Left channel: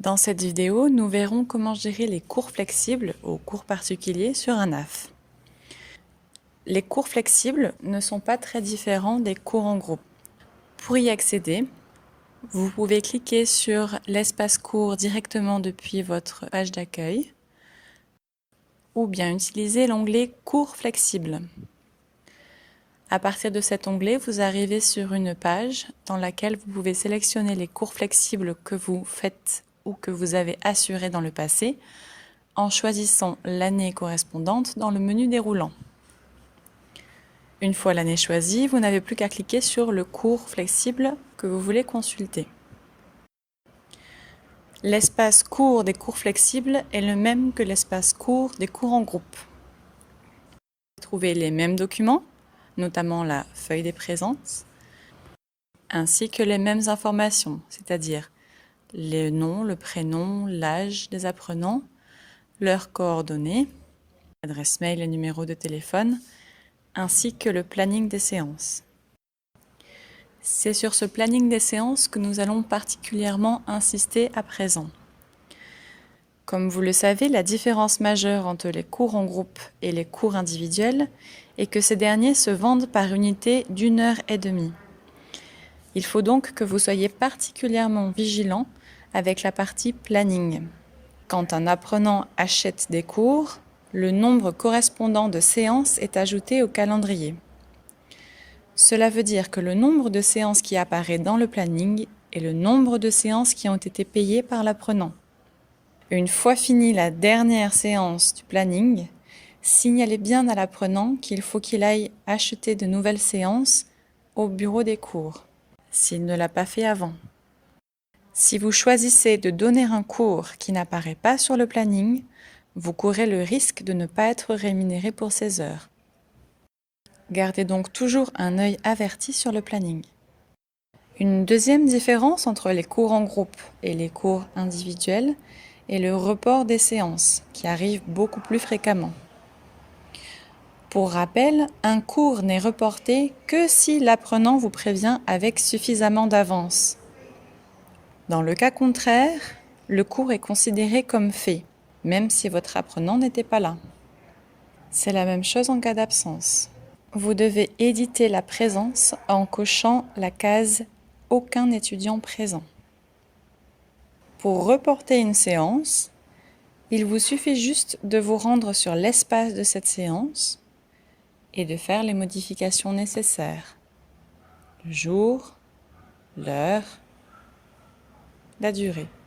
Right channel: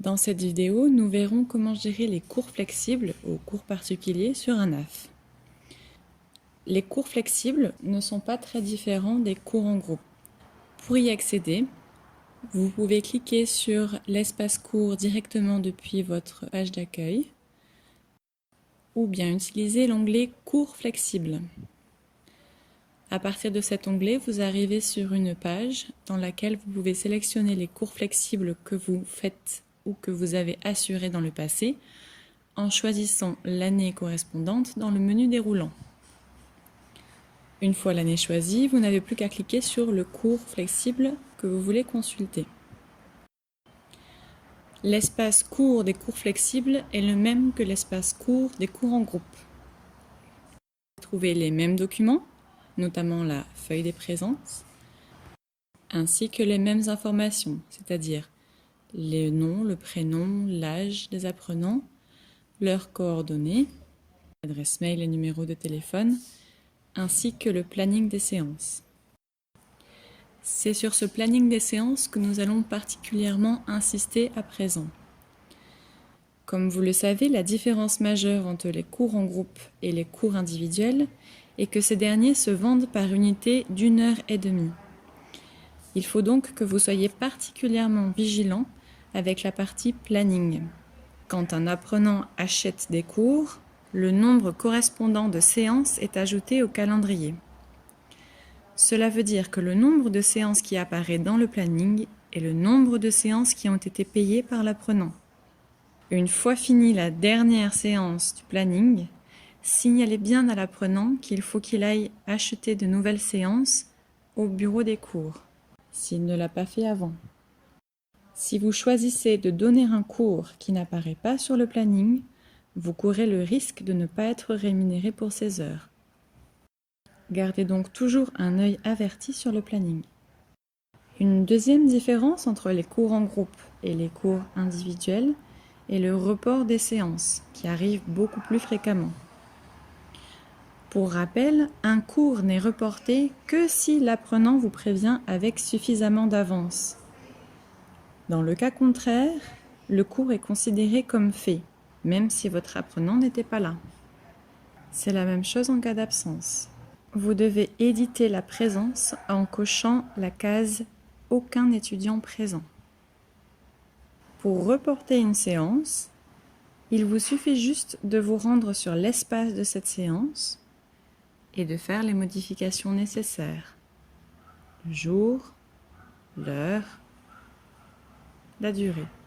Dans cette vidéo, nous verrons comment gérer les cours flexibles aux cours particuliers sur un AF. Les cours flexibles ne sont pas très différents des cours en groupe. Pour y accéder, vous pouvez cliquer sur l'espace cours directement depuis votre page d'accueil ou bien utiliser l'onglet Cours flexibles. À partir de cet onglet, vous arrivez sur une page dans laquelle vous pouvez sélectionner les cours flexibles que vous faites ou que vous avez assurés dans le passé en choisissant l'année correspondante dans le menu déroulant. Une fois l'année choisie, vous n'avez plus qu'à cliquer sur le cours flexible que vous voulez consulter. L'espace cours des cours flexibles est le même que l'espace cours des cours en groupe. Vous trouvez les mêmes documents, notamment la feuille des présences, ainsi que les mêmes informations, c'est-à-dire le nom, le prénom, l'âge des apprenants, leurs coordonnées, adresse mail et numéro de téléphone, ainsi que le planning des séances. C'est sur ce planning des séances que nous allons particulièrement insister à présent. Comme vous le savez, la différence majeure entre les cours en groupe et les cours individuels est que ces derniers se vendent par unité d'1h30. Il faut donc que vous soyez particulièrement vigilant avec la partie planning. Quand un apprenant achète des cours, le nombre correspondant de séances est ajouté au calendrier. Cela veut dire que le nombre de séances qui apparaît dans le planning est le nombre de séances qui ont été payées par l'apprenant. Une fois finie la dernière séance du planning, signalez bien à l'apprenant qu'il faut qu'il aille acheter de nouvelles séances au bureau des cours, s'il ne l'a pas fait avant. Si vous choisissez de donner un cours qui n'apparaît pas sur le planning, vous courez le risque de ne pas être rémunéré pour ces heures. Gardez donc toujours un œil averti sur le planning. Une deuxième différence entre les cours en groupe et les cours individuels est le report des séances, qui arrive beaucoup plus fréquemment. Pour rappel, un cours n'est reporté que si l'apprenant vous prévient avec suffisamment d'avance. Dans le cas contraire, le cours est considéré comme fait, même si votre apprenant n'était pas là. C'est la même chose en cas d'absence. Vous devez éditer la présence en cochant la case « Aucun étudiant présent ». Pour reporter une séance, il vous suffit juste de vous rendre sur l'espace de cette séance et de faire les modifications nécessaires. Le jour, l'heure, la durée.